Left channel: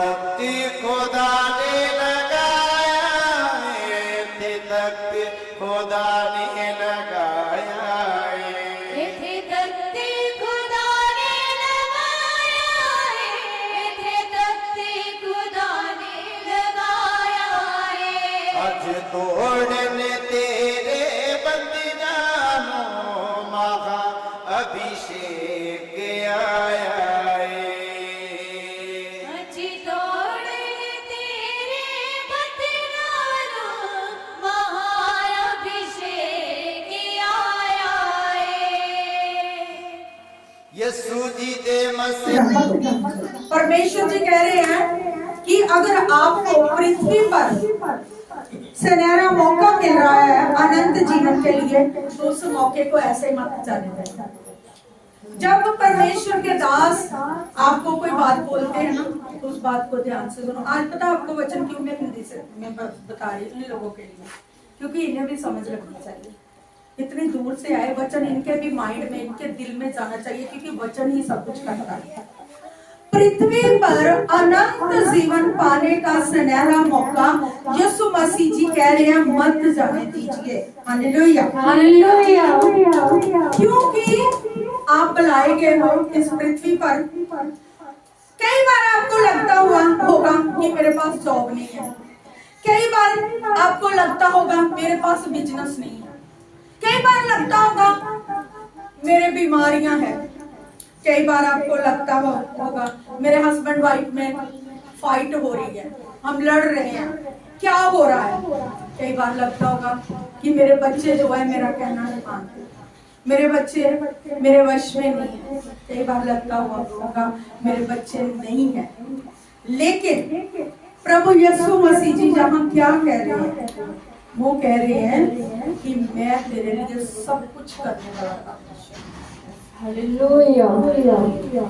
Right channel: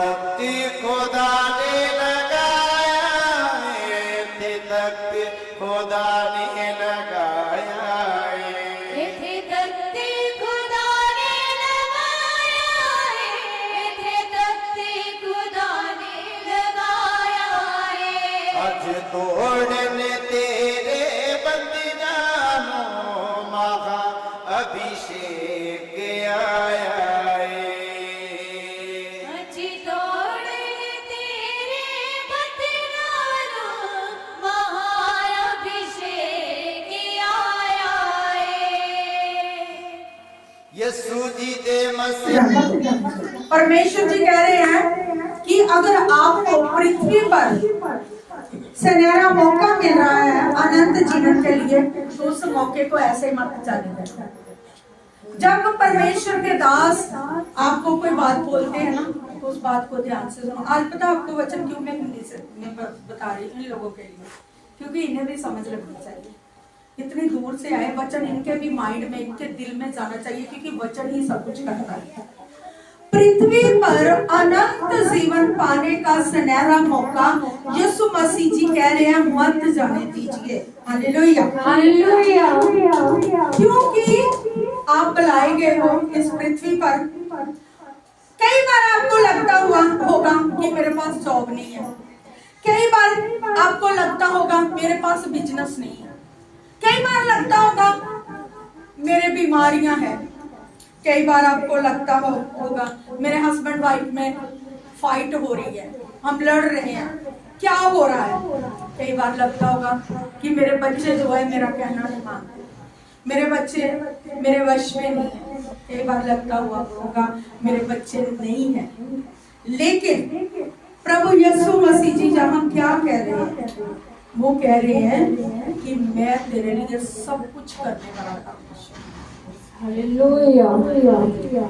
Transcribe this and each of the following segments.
तख्ती खुदा ने लगाया, थे तख्ती खुदा ने लगाया, थे तख्ती खुदा ने लगाया, थे तख्ती खुदा ने लगाया। अज तोड़ने तेरे बंदियानो महा अभिषेक आया, यीशु जी दे मसीह। परमेश्वर जी कह रहे हैं कि अगर आपको पृथ्वी पर सुनहरा मौका मिल रहा है अनंत जीवन के लिए, तो उस मौके को ऐसे मत जाने देना। जब परमेश्वर के दास आपको कोई बात बोलते हैं ना, तो उस बात को ध्यान से सुनो। आज पता आपको वचन क्यों मैं हिंदी से मैं बता रही हूँ इन लोगों के लिए, क्योंकि इन्हें भी समझ लगनी चाहिए। इतनी दूर से आए वचन, इनके भी माइंड में, इनके दिल में जाना चाहिए, क्योंकि वचन ही सब कुछ करता है। पृथ्वी पर अनंत जीवन पाने का सुनहरा मौका यीशु मसीह जी कह रहे हैं मत जाने दीजिए। Hallelujah, hallelujah. क्योंकि आप बुलाए गए हो इस पृथ्वी पर। कई बार आपको लगता होगा कि मेरे पास जॉब नहीं है, कई बार आपको लगता होगा मेरे पास बिजनेस नहीं है, कई बार लगता होगा मेरे बीमारियां हैं, कई बार आपको लगता होगा मेरे हस्बैंड वाइफ में फाइट हो रही है, हम लड़ रहे हैं, क्या हो रहा है। कई बार लगता होगा कि मेरे बच्चे जो है मेरा कहना नहीं मानते, मेरे बच्चे मेरे वश में नहीं है। कई बार लगता होगा मेरे बच्चे नहीं है। लेकिन प्रभु यीशु मसीह जी जहाँ क्या कह रहे हैं, वो कह रहे हैं कि मैं तेरे लिए सब कुछ करने वाला था। हालेलुया।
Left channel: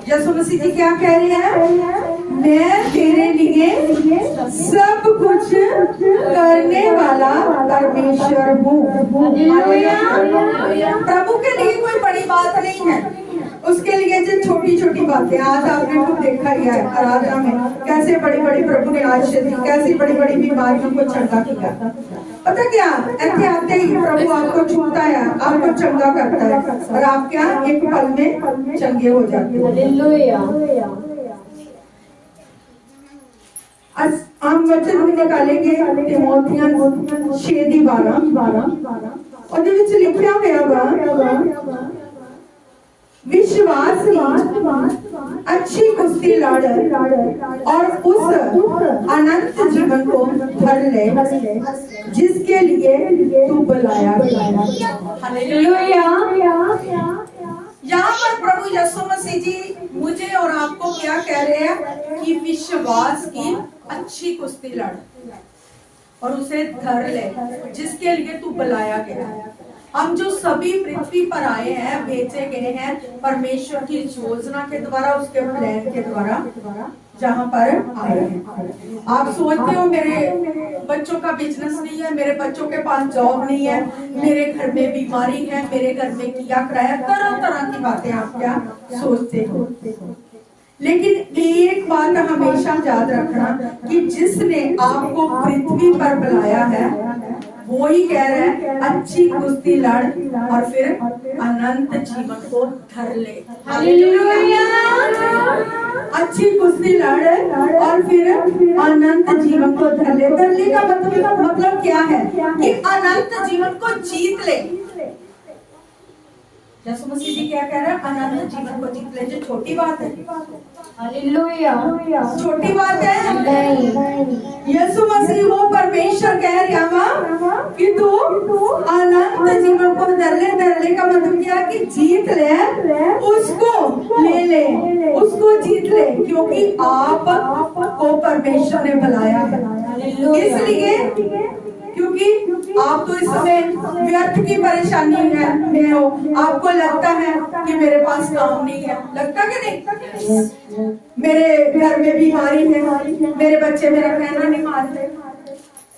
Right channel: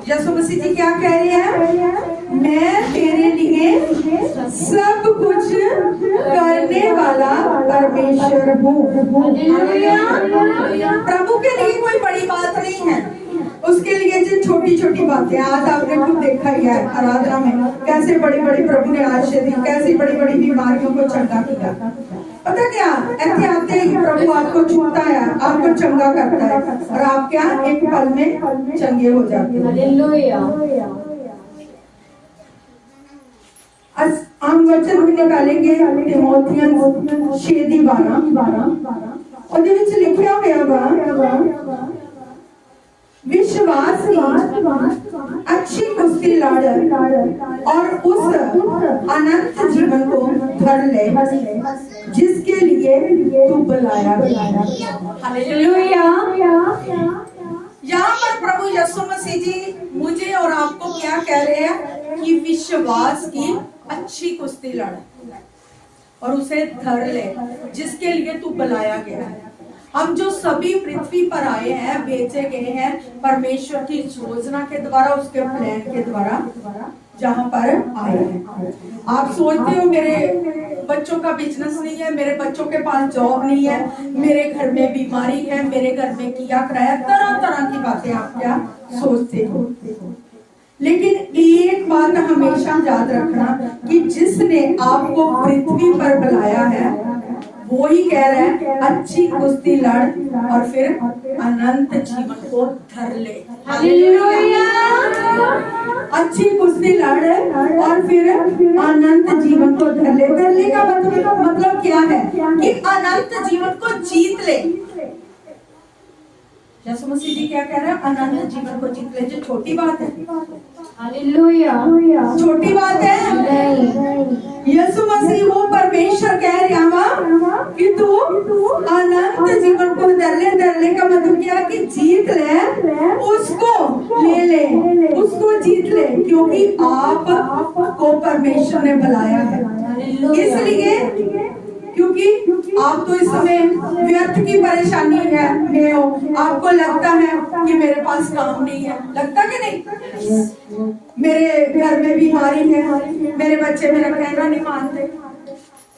यीशु मसीह जी क्या कह रहे हैं, मैं तेरे लिए सब कुछ करने वाला परमेश्वर हूँ। प्रभु के लिए कोई बड़ी बात नहीं है, उसके लिए जो छोटी छोटी बातें। आज आपने खुद देखा ही है आराधना में कैसे बड़ी बड़ी प्रभु ने आशीष दी, कैसी बड़ी बड़ी बीमारियों को चंगा किया। पता क्या, ऐसे आते ही प्रभु आपको छूता है, आपको चंगा करता है, और आप क्या एक पल में चंगे हो जाते हैं। आज हम वचन भी निकालेंगे तिमोथियन 6:12 और जो लिखा हुआ विश्वास की अच्छी कुश्ती लड़ और उस अनंत जीवन को धर ले जिसके लिए तू बुलाया गया। हालेलुया। यहाँ पर प्रभु यीशु मसीह जी मुझे और आपको क्या कह रहे हैं कि विश्वास की अच्छी कुश्ती लड़ और उसे धर ले जिसके लिए तू बुलाया गया है। हम जो सभी पृथ्वी पर आए हैं, भेजे गए हैं परमेश्वर की योजना के द्वारा, उसके प्लान के द्वारा जहाँ पर आए हैं। आप सोचते हो मेरे बच्चों का बिजनेस नहीं है, मेरे बच्चों के पास जॉब नहीं है, मेरे घर में बीमारी है, मेरे घर में किया कराया, तरह तरह की बातें आप क्या सोचते हो। लेकिन एक बात हमेशा याद रखना कि जिसने आपको पृथ्वी पर बुलाया है वो ही कह रहा है अच्छी कुश्ती लड़ और फिर अनंत जीवन को धर ले। हालेलुया। अच्छी कुश्ती लड़ और फिर अनंत जीवन को धर ले। धरने का मतलब क्या है कि अनंत जीवन को जीत ले। यीशु मसीह जी क्या कह रहे हैं, अनंत जीवन को जीत ले। जो छोटी बात है, हालेलुया, छोटी बात है नहीं। यीशु मसीह वो परमेश्वर कह रहा कि तू अनंत जीवन को धरने का मतलब क्या कि जीत ले, उसको ले, उसको जीत ले, क्योंकि आपको परमेश्वर ने बुलाया है। इसलिए क्योंकि आप तो इस समय व्यर्थ की परेशानी में हो, आपको लगता है कि मेरे पास काम नहीं है, लगता कि नहीं, मेरे घर में बीमारी है, मेरे बच्चे मेरा कहना नहीं मानते,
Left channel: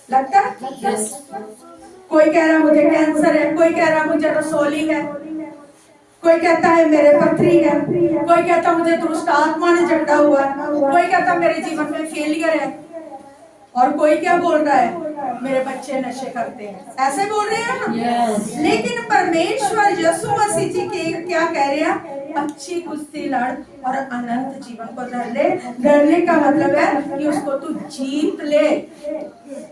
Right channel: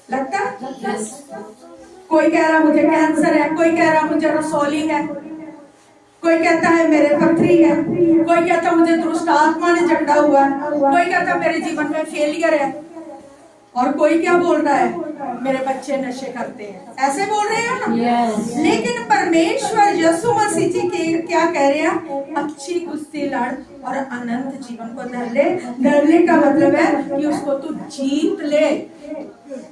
लगता। कोई कह रहा मुझे कैंसर है, कोई कह रहा मुझे रसौली है, कोई कहता है मेरे पथरी है, कोई कहता मुझे दुष्ट आत्मा ने जकड़ा हुआ है, कोई कहता मेरे जीवन में फेलियर है, और कोई क्या बोल रहा है मेरे बच्चे नशे करते हैं, ऐसे बोल रहे हैं ना। Yes. लेकिन परमेश्वर यीशु मसीह जी के क्या कह रहे हैं, अच्छी कुश्ती लड़ और अनंत जीवन को धर ले। धरने का मतलब है कि उसको तू जीत ले।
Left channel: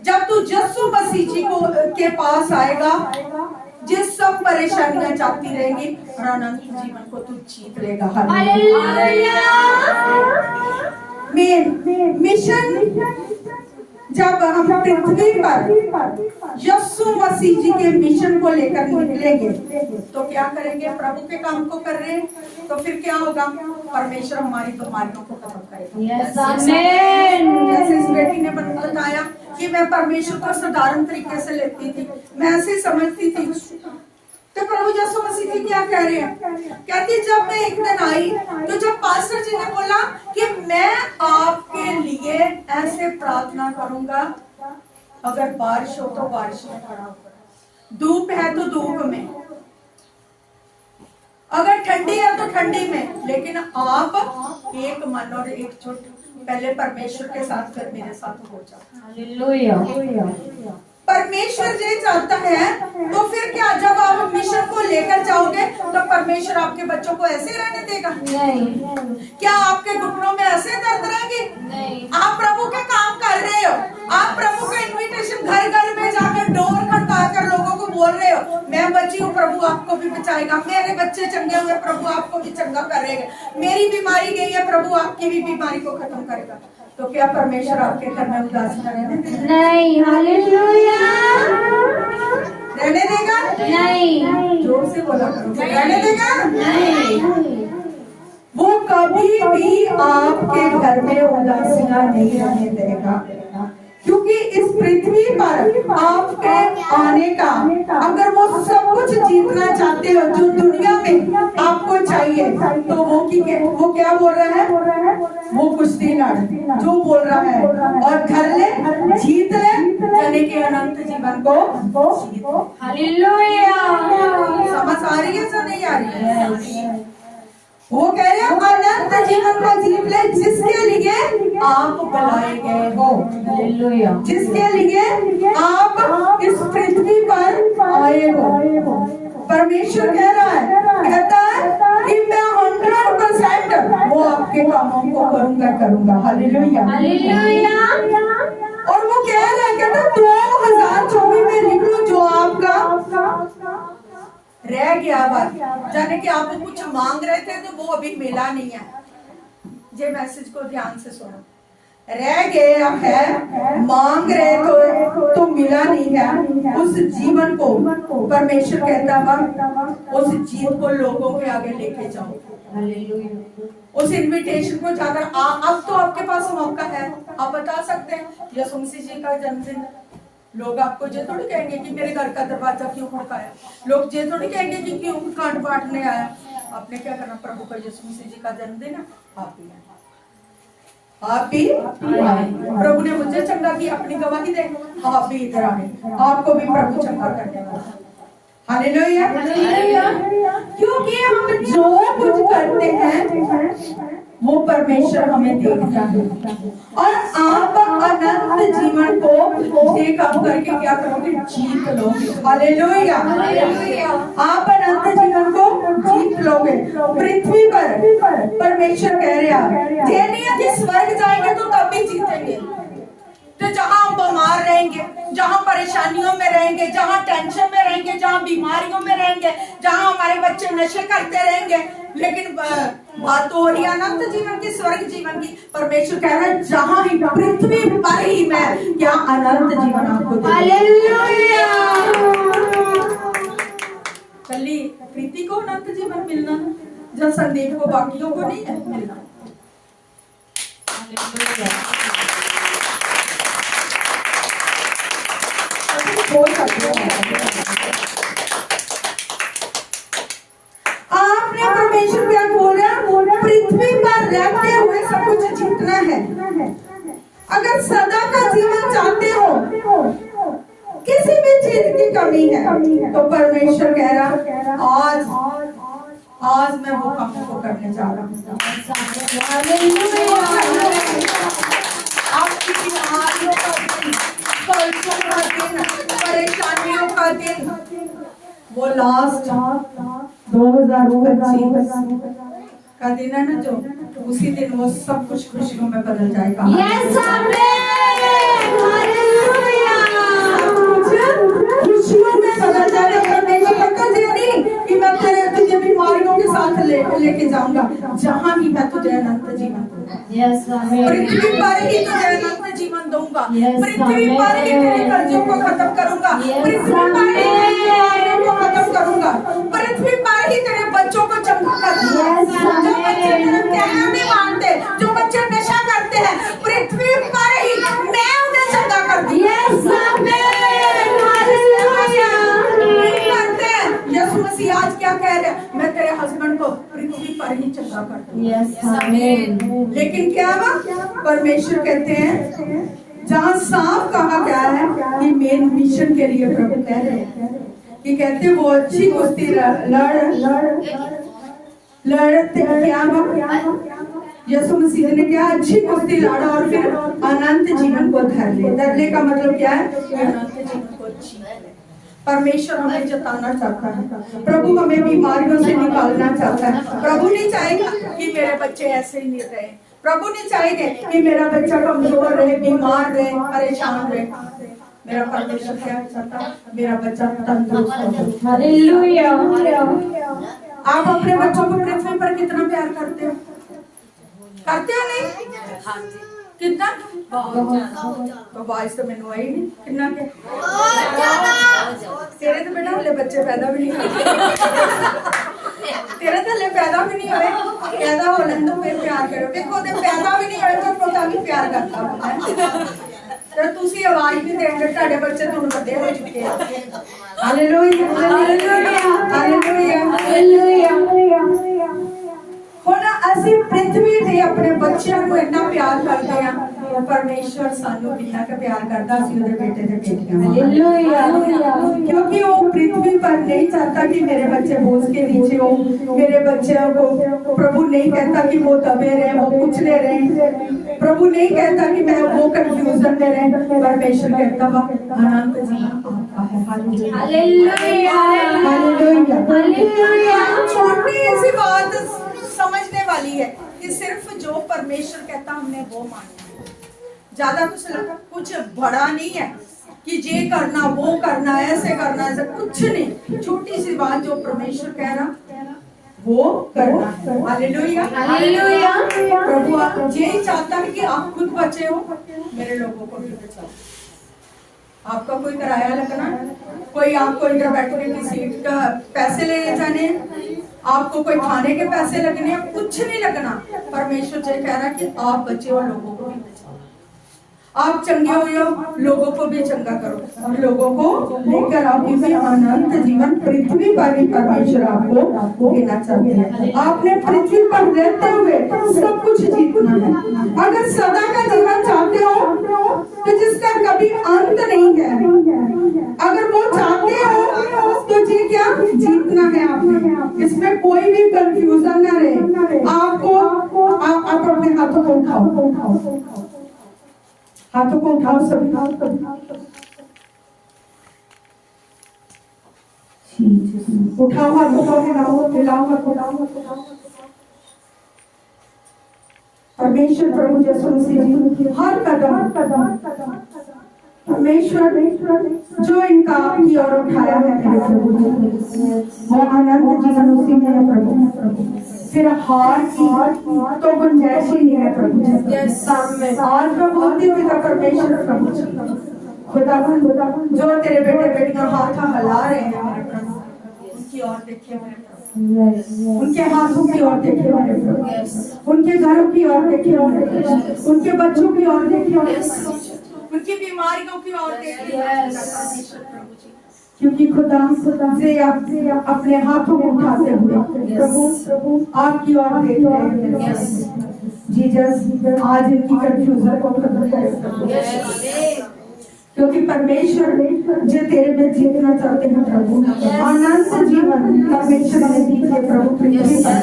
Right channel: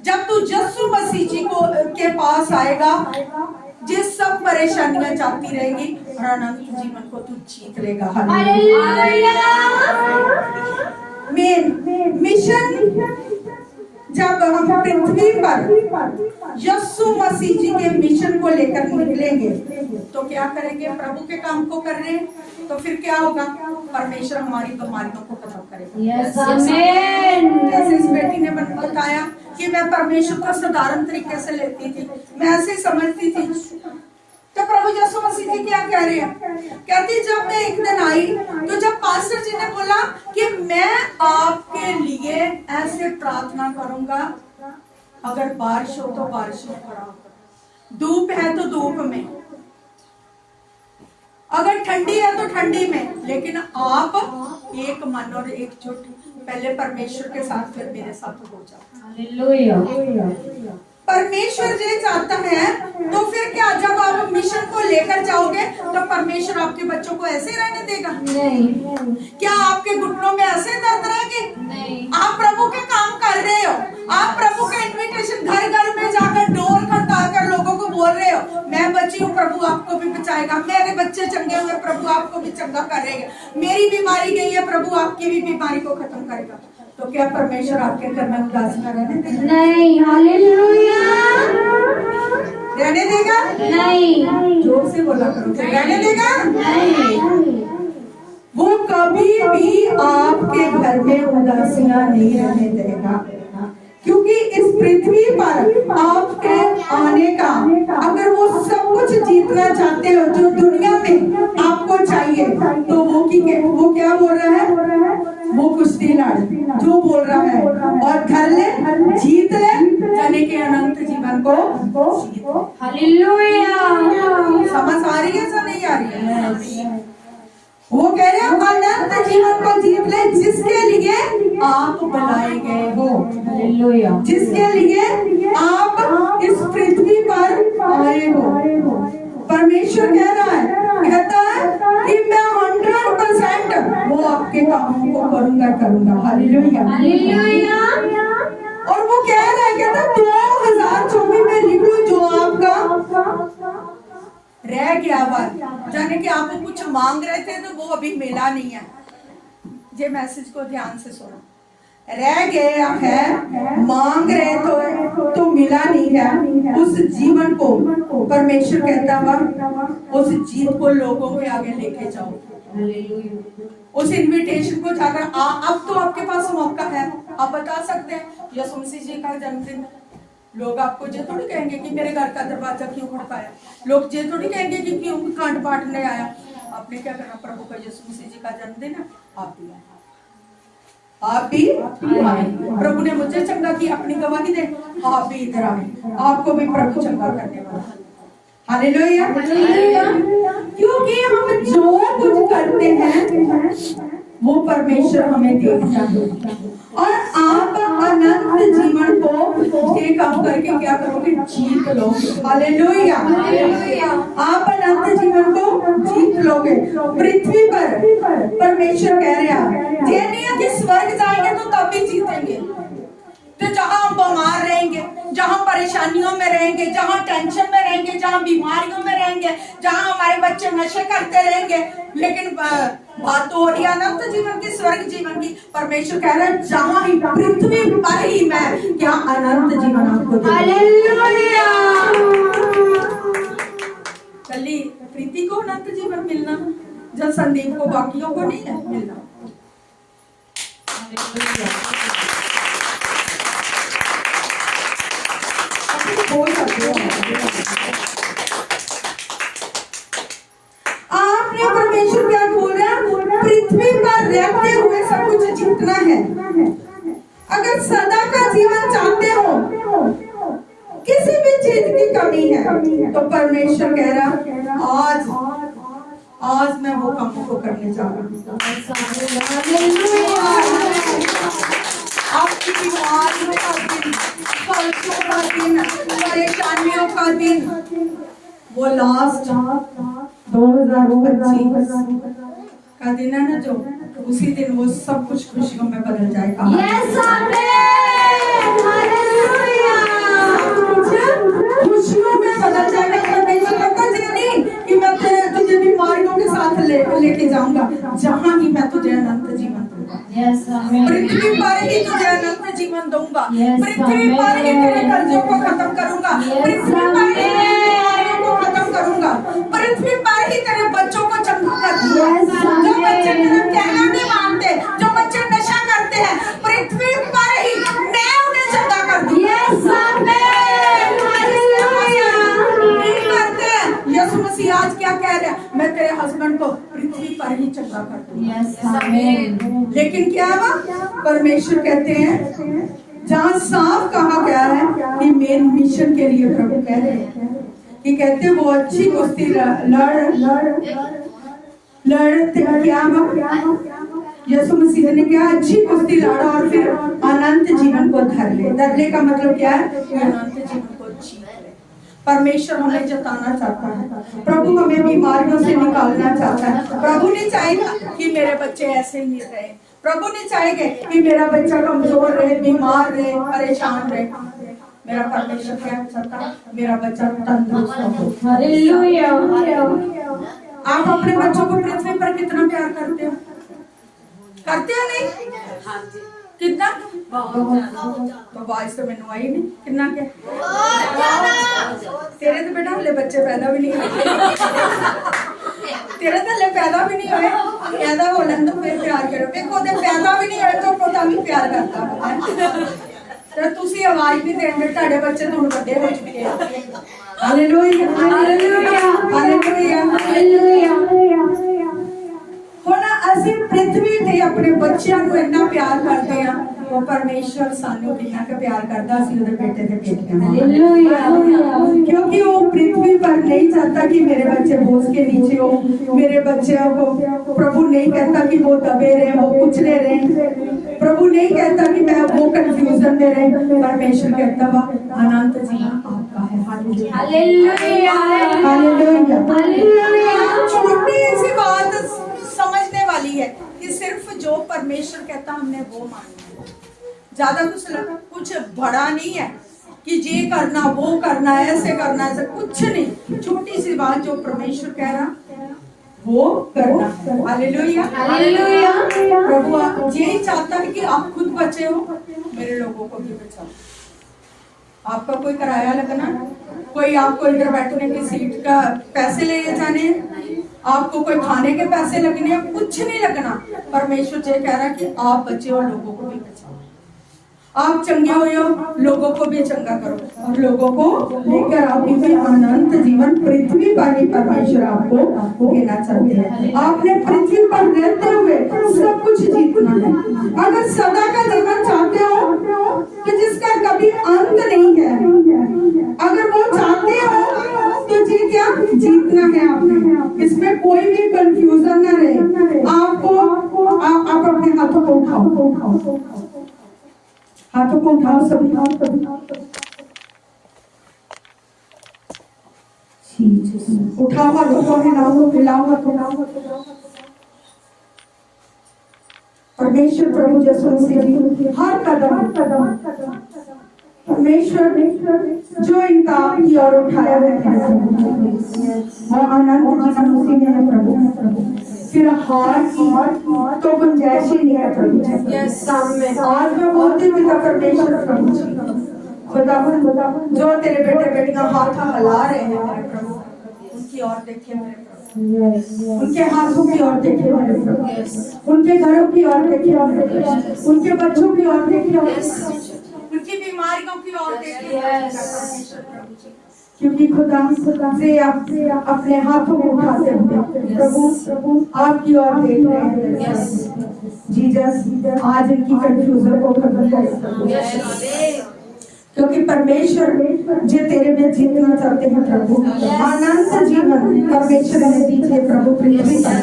जब तू यीशु मसीह जी को के पास आएगा, ये सब परेशानियां जाती रहेंगी और अनंत जीवन को तू जीत लेगा। मेन मिशन, जब हम पृथ्वी पर यीशु मसीह जी के मिशन को लेकर निकलेंगे तो क्या करेंगे, प्रभु के काम को कर रहे हैं तो फिर क्या होगा, परमेश्वर हमारी बीमारियों को खत्म करेगा। Yes, amen. जैसे इस बेटी ने बताया कि मैं परमेश्वर को साधारण तरीके से लेती थी, मैं ऐसे समझती थी, तो प्रभु यीशु मसीह जी क्या कह रहे हैं, कहती जब मैं एक दिन आई तो जब पास्टर जी ने बोला कि मैं आपके लिए ऐसे प्रार्थना करूंगा, अगर बारिश हो तो बारिश में खड़ा होकर, धूप है तो धूप में, अगर ठंडी है तो ठंडी में, लेकिन आप एक मन और एकजुट पहले परमेश्वर के साथ फिर मेरे साथ हो जाओ। Hallelujah. परमेश्वर ये चाहता है, तो फिर क्या, जब आप मिशन को लेकर जाओगे तो परमेश्वर आपके बच्चों को ऐसे रहने देगा? नहीं। क्या आपके घुटनों में ऐसे दर्द रहेंगे? नहीं। आप प्रभु के काम कर रहे हो, आप प्रभु का इनविटेशन घर घर में जाकर डोर खटखटाकर लोगों को बोल रहे हो, मैं बची हूँ, प्रभु आपको भी बचाएगा, मेरे बच्चे चंगे हुए, प्रभु आपको भी चंगा करेगा, मेरी बीमारी गई है, प्रभु आपकी भी बीमारी को खत्म करेगा। तो क्या परमेश्वर आपके घर में उदास न रहने देगा? नहीं। हालेलुया। रहने देगा? नहीं। जोर से बोला करो, रहने देगा? नहीं। वो कभी भी आपके घर में उदासियां नहीं रहने देगा, क्योंकि इस पृथ्वी पर आपके आने का, अगर वो सब कुछ जीतना चाहते हो जो दुनिया में आपको चाहिए, तो वो क्या बोल रहा है, वो कुश्ती लड़ जो बोल रहा है, और घर ले, जीत ले, जाने के अनंत जीवन को जीत। हालेलुया। समझ आ रही है या नहीं आ रही है? वो कह रहे हैं अनंत जीवन को जीत ले, जिसके लिए आप बुलाए गए हो, हालेलुया, जिसके लिए आप इस पृथ्वी पर आए हो। परमेश्वर कह रहा है, कहता है कि मैं 100% वो आपके कामों को करूंगा। Hallelujah, hallelujah. और वो कह रहा है, कहता 2024 में लिख लो जो आपका रह गया बात, जाने कि आप कुछ मांग रहे थे तो वो अभी मिला नहीं है। ये मैसेज को ध्यान से सुनो, रह गया है, मांग रहे तो मिला नहीं है, उस जीवन को परमेश्वर कहता है उस जीत को लोगों के आगे लेके जाओ। हालेलुया। उस इनविटेशन को जाकर अब तो आपके पास मौका है, आप बता सकते हैं यीशु मसीह जी का जन्मदिन। लोग आपको ये थोड़ी कहेंगे कि मेरे घर का दरवाजा क्यों खड़काया, लोग ये थोड़ी कहेंगे कि क्यों कांड बांटने आया। आपने क्या करना, प्रभु का यीशु मसीह जी का जन्मदिन है, आप भी आए, आप भी आए। प्रभु ने मुझे चंगा की, अपनी गवाही दे, आप भी इधर आए, आपको भी प्रभु चंगा करने वाला है। हालेलुया, क्योंकि हम जो कुछ करते हैं वो परमेश्वर हमें देखता है, और आप अनंत जीवन को ये काम करके क्या करोगे, जीत लोगे। हालेलुया, आप अनंत जीवन को जीत लोगे। पृथ्वी पर परमेश्वर कह रहा है, ये नहीं है कि स्वर्ग जाएंगे तो तब भी जीतेंगे, तो जहां हम बीमार रहेंगे, जहां परेशानियों में रहेंगे, जहां टेंशन में रहेंगे, जहां बीमारियों में रहेंगे, जहां हमारे बच्चे नशे करते रहेंगे, लेकिन बात तो हो रही है अनंत जीवन की, स्वर्ग जीवन की। परमेश्वर कह रहा है जहां ही पृथ्वी पर ही मैं क्या अनंत जीवन आपको दूंगा। हालेलुया। कली प्रीति को अनंत जीवन मिलना, जब संदीप को बाकियों को नहीं है मिलना। आपने परमेश्वर क्या बोल रहा है, पृथ्वी पर रहते हुए सब कुछ जीतना है। अगर सदा का जीवन चाहते हो, किसी भी चीज की कमी है, तो परमेश्वर कह रहा आज आज मैं वो कामों को करने जा रहा हूँ। आपकी बीमारियों का दिन, कर्जों का दिन, परेशानियों का दिन, वो लास्ट 2025 का दिन है ना, जो उसी दिन वो सब कुछ खुशियों में बदल जाएगा। खुशियों में बदल जाएगा। कि मैं तुझे बीमारियों के साथ लेके जाऊंगा, जहाँ ही मैं तुझे अनंत जीवन दूंगा। पृथ्वी पर ही तुझे अनंत जीवन दूंगा। पृथ्वी पर ही तेरे कर्जों को खत्म करूंगा। पृथ्वी पर ही तेरे बीमारियों को खत्म करूंगा। पृथ्वी पर ही तेरे बच्चों को चंगा कर दूंगा। जो बच्चे तेरा कहना नहीं मानते, जो बच्चे नशा करते हैं, पृथ्वी पर ही मैं उन्हें चंगा कर दूंगा। यीशु मसीह आज क्या कह रहे हैं? मैं तेरे हस्बैंड को पृथ्वी पर ही चंगा कर दूंगा। लेकिन क्या हुआ? परमेश्वर कहते हैं, जहाँ साफ कहा गया है कि मेन मिशन के लिए प्रभु कह रहे हैं कि कहते हैं वो अच्छी कुश्ती लड़ते क्या हुआ? यीशु मसीह ने क्या अच्छी कुश्ती लड़ा और फिर अनंत जीवन को धर ले का मतलब क्या है? अनंत जीवन को जीत ले। परमेश्वर हमें जताना चाहता है, प्रभु हमें बीमारियों से निकालना चाहता है। प्रभु नहीं चाहेगा कि मेरे बच्चे ऐसे ही नहीं रहे। प्रभु नहीं चाहेंगे कि मेरा बच्चा कमजोर रहे, बीमार रहे, परेशान रहे। मेरा परमेश्वर क्या चाहता है? मेरा बच्चा तंदुरुस्त हो। हालेलुया। आप अपने बच्चों को पृथ्वी पर कितना प्यार करते हो? करते हो नहीं? कितना? तो आवाज तो मैंने आई नहीं। कितना के? तेरे तो बेटा हले बच्चे पैदा भी नहीं हुए। तेरे तो हले पैदा भी नहीं हुए। पैदा हो लें तो फिर प्यार करो। देखो ते पैदा भी नहीं हुए तो पता भी प्यार करता है। तो तुसी आवाज भी देंगे, ਤੁਹਾਡੇ ਬੱਚੇ ਤੁਹਾਨੂੰ ਵੱਡੇ ਹੋ ਚੁੱਕੇ ਆ। Hallelujah hallelujah hallelujah hallelujah. ਹੁਣ ਅਸੀਂ ਪ੍ਰਿਥਵੀ ਤੇ ਆਪਣੇ ਬੱਚਿਆਂ ਨੂੰ ਇੰਨਾ ਪਿਆਰ ਕਰਦੇ ਆ, परमेश्वर सानू कितना का प्यार करता है उसके बेटे दे बेटियां। क्योंकि वो पृथ्वी पर नहीं चाहता कि मेरे बच्चे बोझ के नीचे हो। मेरे बच्चों को प्रभु नहीं कहता कि वो दबे रहे, वो कुचले रहे। प्रभु नहीं कहता कि मैं वो कंफ्यूजन में रहे। परमेश्वर कहता वह अनंत जीवन आपका है। Hallelujah hallelujah hallelujah. छोटी सी बात समझने वाली है कि सिर्फ जो परमेश्वर कहता हमने वो मानना है। ज्यादा कुछ बड़ा नहीं है कि ये करना वो करना ऐसे करना ऐसे कुछ नहीं। छोटी सी बात जो परमेश्वर कह रहा वो करना। Hallelujah hallelujah. प्रभु यही चाहता है कि आप खुद बचे हो, मेरे लोगों को भी बचाओ। आपका कोई किराया लगना, कोई आपको इधर बैठने की सीट का पैसे ले जाने, आपको कोई खाने के पैसे लगने, कुछ नहीं लगना। परमेश्वर ये कह रहा है कि आप बचे और लोगों को भी बचाओ। आप चंगे हो जाओ, लोगों को भी चंगा करो और लोगों को लेकर आप इसे अनंत जीवन पृथ्वी पर ही परमेश्वर आपको देना चाहते हैं। आपने पृथ्वी पर रहते हुए सब कुछ जीतना है। अगर सदा का जीवन चाहते हो तो जिसका कभी अंत नहीं है, अगर वो चाहते हो तो जी क्या जीतना है आपने। इसमें कोई भी कंफ्यूजन ना रहे। आपको आप अपने हाथों को उठाओ, हाथों को उठाओ सभी। उठाओ हाथों को, हिलाओ हिलाओ हाथों। परमेश्वर प्रभु यीशु मसीह हर कदम परमेश्वर जो इनका आपकी ओर उठाया है वो अनंत जीवन उसी में है प्रभु। फिर हार की तो गुंजाइश ही नहीं है प्रभु। आज मैं बोलती हूँ पिता परमेश्वर प्रभु खुदावन जो तेरे बेटे बेटियां हाथ हिला रहे हैं मेरे प्रभु, उनकी ओर देखिए मेरे प्रभु। उनके हाथों की ओर देखिए मेरे प्रभु, उनके घरों की ओर देखिए मेरे प्रभु, उनके बच्चों की ओर देखिए, उनकी बीमारियों की ओर देखिए। क्योंकि खुदा से आप अपने हाथों को उठाते हुए प्रभु आपकी ओर देख रहे हैं। जीसस आज इनकी कंफ्यूजन को खत्म करें। क्योंकि परमेश्वर जो तेरे में जीतना चाहते हैं प्रभु, अनंत जीवन परमेश्वर ने दीजिए प्रभु, पृथ्वी पर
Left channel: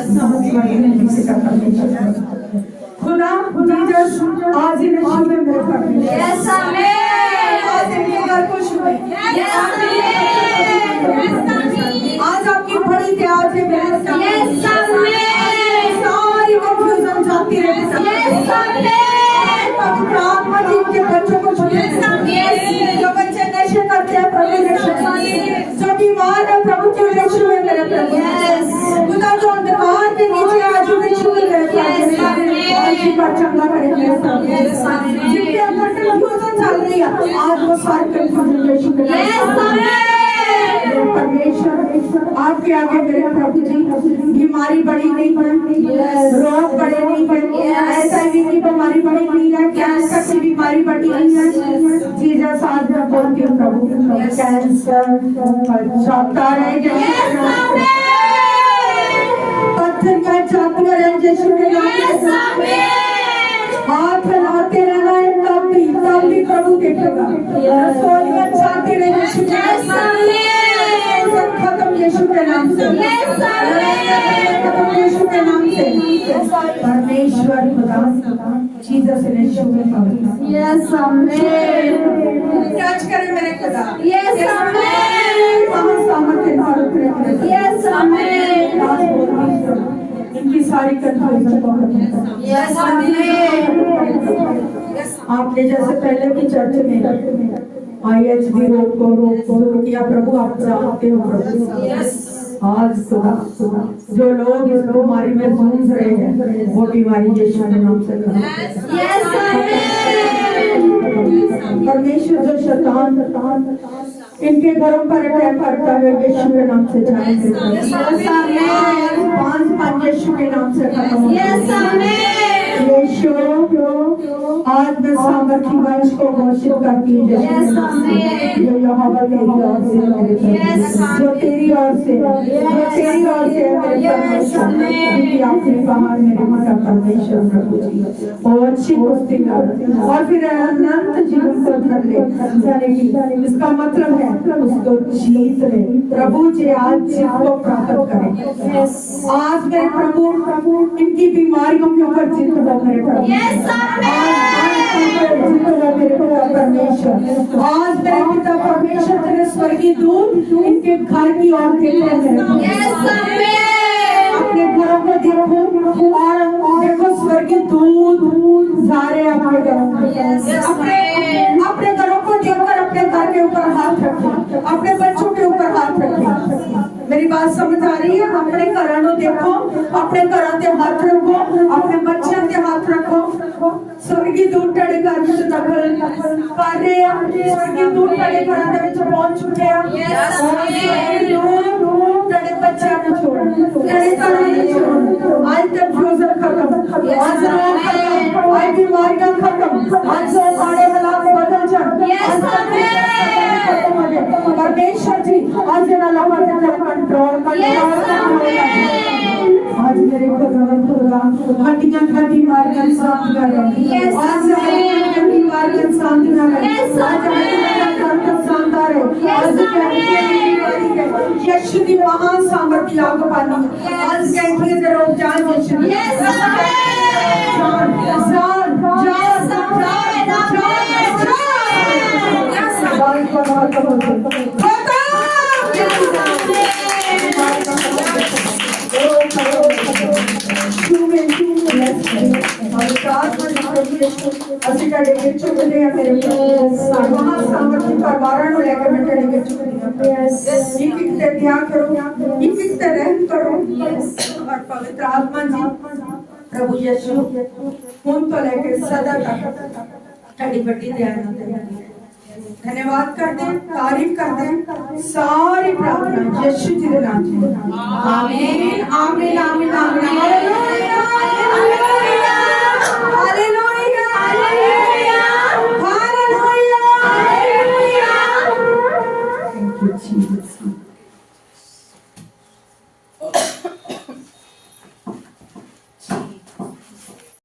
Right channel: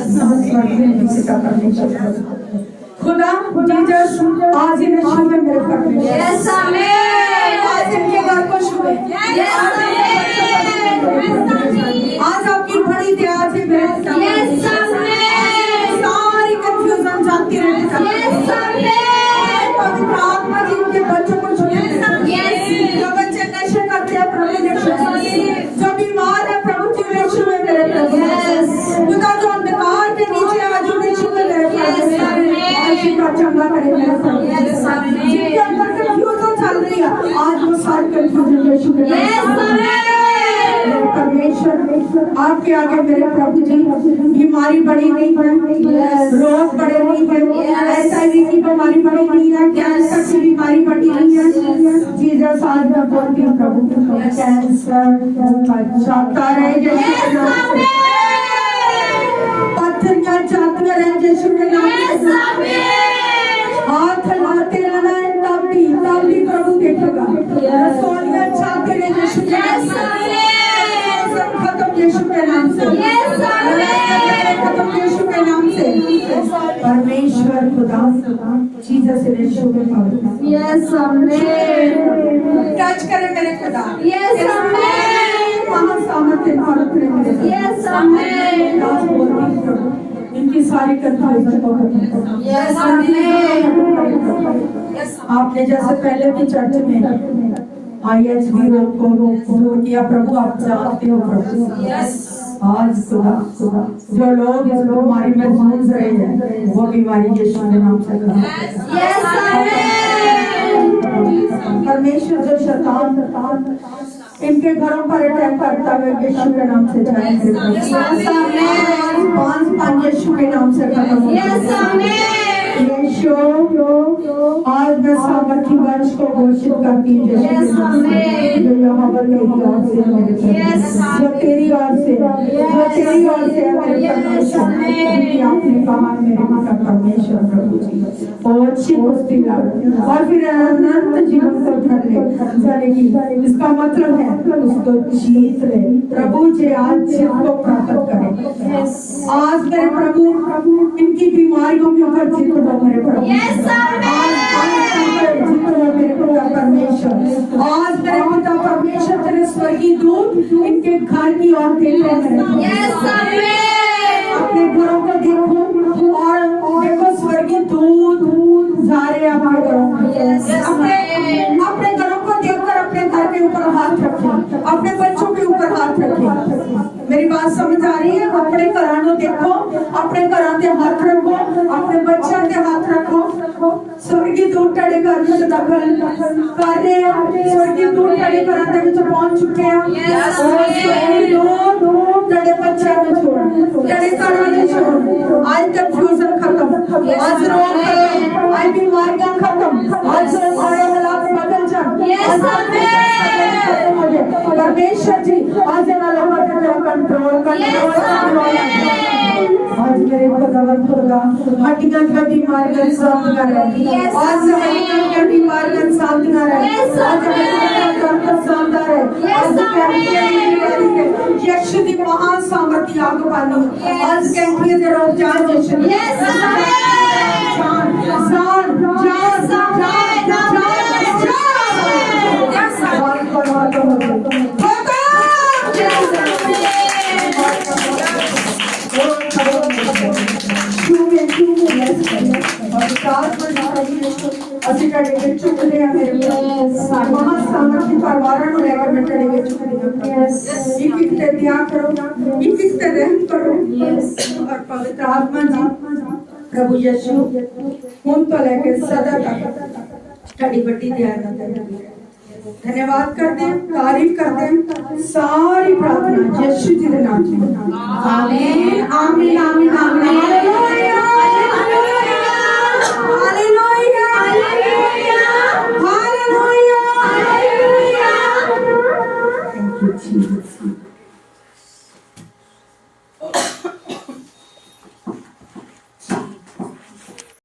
किसी का परमेश्वर खुदा जीसस आज इन्हें छुए मेरे घर में, यस आमीन, आज इनके घर को छुए, यस आमीन, आज आपकी बड़ी दया से मेरे यस आमीन, सारी कंफ्यूजन जाती रहे, यस आमीन, पवित्र आत्मा जी के बच्चों को छुए, जो बच्चे नशे करते हैं प्रभु जो बीमार है प्रभु जी उन्हें छुए मेरे प्रभु, खुदा जो अंधकार के नीचे आज उन्हें छुए मेरे प्रभु, का चंगा करे मेरे प्रभु, जिनके अंदर कंफ्यूजन चल रही है आज वो सारी कंफ्यूजन यीशु के नाम से परमेश्वर आपके आगे मेरे प्रभु जी बीमारी बड़ी नहीं है, रोग बड़े नहीं है, HIV की बीमारी बड़ी नहीं है, कैंसर की बीमारी बड़ी नहीं है, जीसस आज मैं बोलती हूँ प्रभु कैंसर जाता रहे यीशु के नाम से, पत्थरियां जाती रहे यीशु के नाम से, हाथ लाते रहना तब भी प्रभु देखेगा, रसोलियां जाती रहे यीशु के नाम से, खत्म यीशु के नाम से, खत्म यीशु के नाम से, परमेश्वर खुदा जीसस यीशु के नाम, यस आमीन, टच करे मेरे खुदा, यस आमीन, वहाँ सामर्थ्य और उतरे मेरे, यस आमीन, आज बोलती हूँ प्रभु इनकी सारी कंफ्यूजन को खत्म करो, यस आमीन, आपने जैसे पहले भी चर्च में IHB रोग को दूर किया प्रभु, आप जानते हो प्रभु, आज खुदा जो लोग इस बीमारी में जूझ रहे हैं वो बीमारी यीशु के नाम से खत्म, यस आमीन, परमेश्वर जो शैतान इनके घरों पर अटैक करता है यीशु के नाम से जाएंगे, यस आमीन, पांच यीशु के नाम से खत्म, यस आमीन, यीशु आज मैं सामर्थी वंश को घोषित करती हूँ यस आमीन, जो यहोवा तेरी ओर से मेरे प्रभु, जो तेरी ओर से है मेरे परमेश्वर, क्योंकि आपने कहा मेरे पिता परमेश्वर प्रभु जी और अच्छी कुश्ती लड़ और फिर अनंत जीवन को धर ले जाने, इसका मतलब है उसको जीत ले प्रभु जी, आज जीत को प्राप्त करें, आज मेरे प्रभु इनकी बीमारियों के ऊपर जीत हो मेरे प्रभु, यस आमीन, जीत हो मेरे पिता परमेश्वर, आज मेरे पिता परमेश्वर तेरे स्वर्गीय दूत इनके घर की ओर देख रहे हैं, यस आमीन, अपने घरों को देखो और देखो स्वर्गीय दूत जा रहे हैं अपने घरों में, अपने घरों को देखकर अपने घर के ऊपर हाथ रखें, अपने बच्चों के ऊपर हाथ रखें, मेरी बात समझ आ रही है, अपने घरों को देखो, अपने घरों के हाथ रखो, अपने बच्चों के हाथ रखो, स्वर्गीय दूत तेरे घर में दखल कर रहे हैं, स्वर्गीय दूत तेरे घर में पहुंच चुके हैं, तेरे बच्चे में छोड़, तेरे घरों में छोड़, आज कंफ्यूजन खत्म, आज रोग खत्म, आज बीमारियां खत्म, आज हमारे हालात बदल जाए, खत्म हो जाए, परमेश्वर जी आज कंट्रोल आज मेरे खुदा हड्डियां का बीमारियां शांत करे, आज हड्डियां का बीमारियां शांत करे, आज मेरे शांत करे, आज यीशु दी महान सामर्थ्य आग पानी, आज कहती है रोग जान यीशु, ਅਸੀਂ ਤੁਹਾਡੇ ਵਿੱਚ ਚੁੱਕਦੇ ਆ ਮੇਰੇ ਮਹਾਂ ਸਾਮਰਥੀ ਪਰਿਵਾਰਾਂ ਨੂੰ ਲੈ ਕੇ ਮੈਂ ਤੁਹਾਡੇ ਵਿੱਚ ਚੁੱਕਦੀ ਹਾਂ ਇੱਕ ਇੱਕ ਤੇ ਧਿਆਨ ਕਰੋ ਇੱਕ ਇੱਕ ਤੇ ਰਹਿਮ ਕਰੋ और पवित्र आत्मा जी प्रभु यीशु ਹੁਣ ਤੋਂ ਲੈ ਕੇ सदा तक ਤੁਹਾਡੀ ਵੱਡੀ ਦਇਆ ਨਾਲ धन्यवाद करते हैं, तारीफ करते हैं, सारी प्रार्थना यीशु जी के नाम से आमीन आमीन आमीन।